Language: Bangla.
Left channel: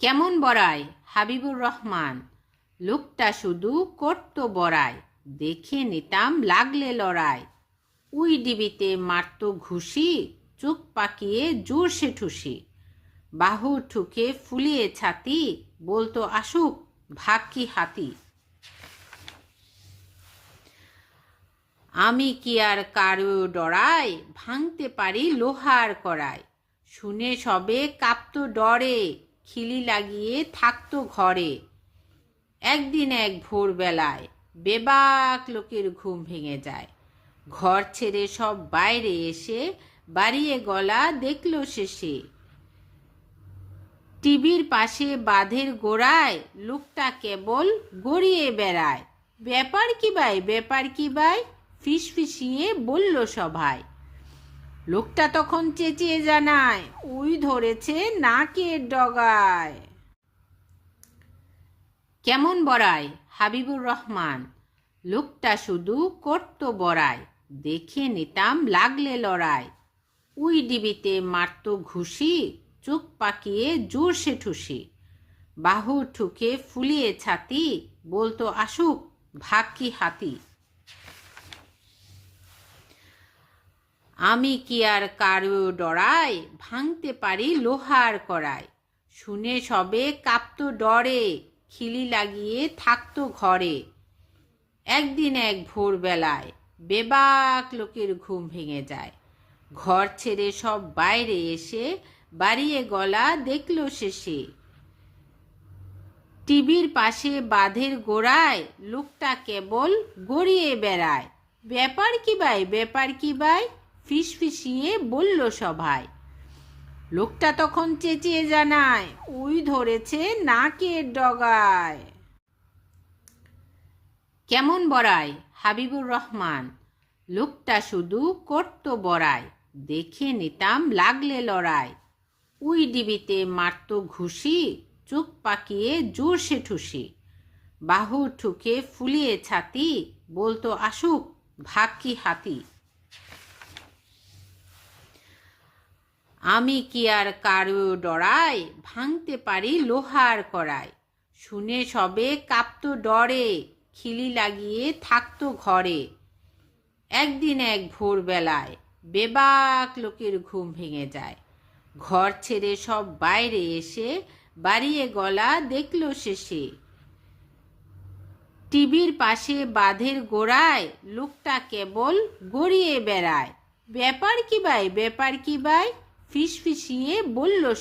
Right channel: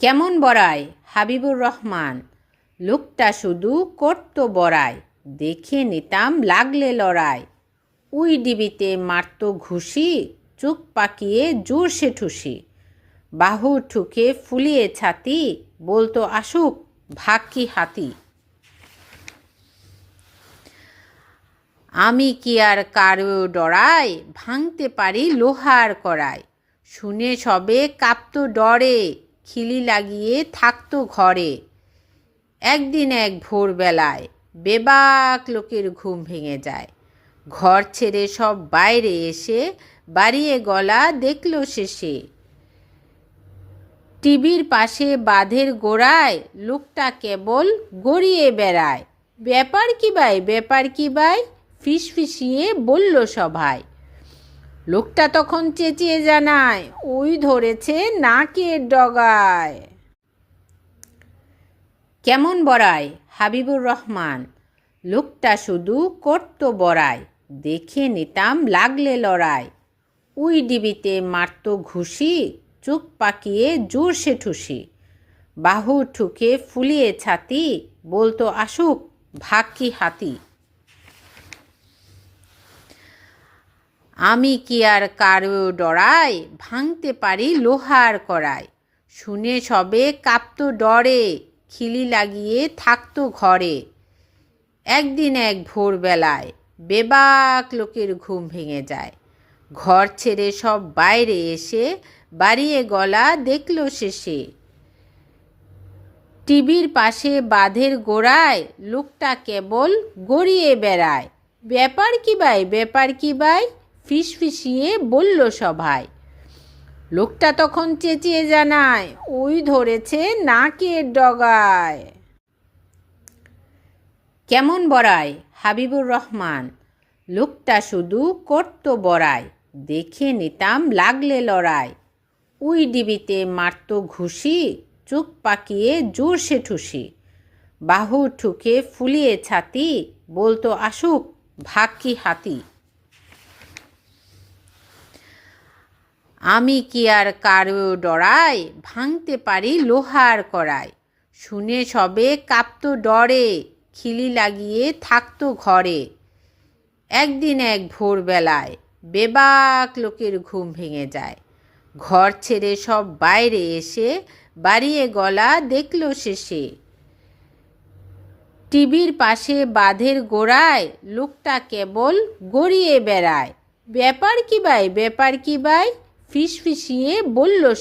কেমন বড়াই হাবিবুর রহমান। লোকটা শুধু করতো বড়াই, দেখে নিতাম লাগলে লড়াই। উই ডিবিতে মারত ঘুষি, চোখ পাকিয়ে জোরসে ঠুসি। বাহু ঠুকে ফুলিয়ে ছাতি, বলতো আসুক ভাগ কি হাতি। আমি কি আর কারো ডরাই, ভাঙতে পারি লোহার কড়াই। শুনে সবে কাঁপতো ডরে, খিলি লাগিয়ে থাকতো ঘরে। একদিন এক ভোরবেলায় বেবাক লোকের ঘুম ভেঙে যায়। ঘর ছেড়ে সব বাইরে এসে বাড়িয়ে গলা দেখল শেষে। টিভির পাশে বাঁধের গোড়ায় লোকটা কেবল গড়িয়ে বেড়ায়। ব্যাপার কি ভাই, ব্যাপার কি ভাই, ফিসফিসিয়ে বলল সভায়। লোকটা তখন চেঁচিয়ে জানায়, ওই ধরেছে নাকের ডগায়। কেমন বড়াই হাবিবুর রহমান। লোকটা শুধু করতো বড়াই, দেখে নিতাম লাগলে লড়াই। উই ডিবিতে মারত ঘুষি, চোখ পাকিয়ে জোরসে ঠুসি। বাহু ঠুকে ফুলিয়ে ছাতি, বলতো আসুক ভাগ কি হাতি। আমি কি আর কারো ডরাই, ভাঙতে পারি লোহার কড়াই। শুনে সবে কাঁপতো ডরে, খিলি লাগিয়ে থাকতো ঘরে। একদিন এক ভোরবেলায় বেবাক লোকের ঘুম ভেঙে যায়। ঘর ছেড়ে সব বাইরে এসে বাড়িয়ে গলা দেখল শেষে। টিভির পাশে বাঁধের গোড়ায় লোকটা কেবল গড়িয়ে বেড়ায়। ব্যাপার কি ভাই, ব্যাপার কি ভাই, ফিসফিসিয়ে বলল সভায়। লোকটা তখন চেঁচিয়ে জানায়, ওই ধরেছে নাকের ডগায়। কেমন বড়াই হাবিবুর রহমান। লোকটা শুধু করতো বড়াই, দেখে নিতাম লাগলে লড়াই। উই ডিবিতে মারত ঘুষি, চোখ পাকিয়ে জোরসে ঠুসি। বাহু ঠুকে ফুলিয়ে ছাতি, বলতো আসুক ভাগ কি হাতি। আমি কি আর কারো ডরাই, ভাঙতে পারি লোহার কড়াই। শুনে সবে কাঁপতো ডরে, খিলি লাগিয়ে থাকতো ঘরে। একদিন এক ভোরবেলায় বেবাক লোকের ঘুম ভেঙে যায়। ঘর ছেড়ে সব বাইরে এসে বাড়িয়ে গলা দেখল শেষে। টিভির পাশে বাঁধের গোড়ায় লোকটা কেবল গড়িয়ে বেড়ায়। ব্যাপার কি ভাই, ব্যাপার কি ভাই, ফিসফিসিয়ে বলল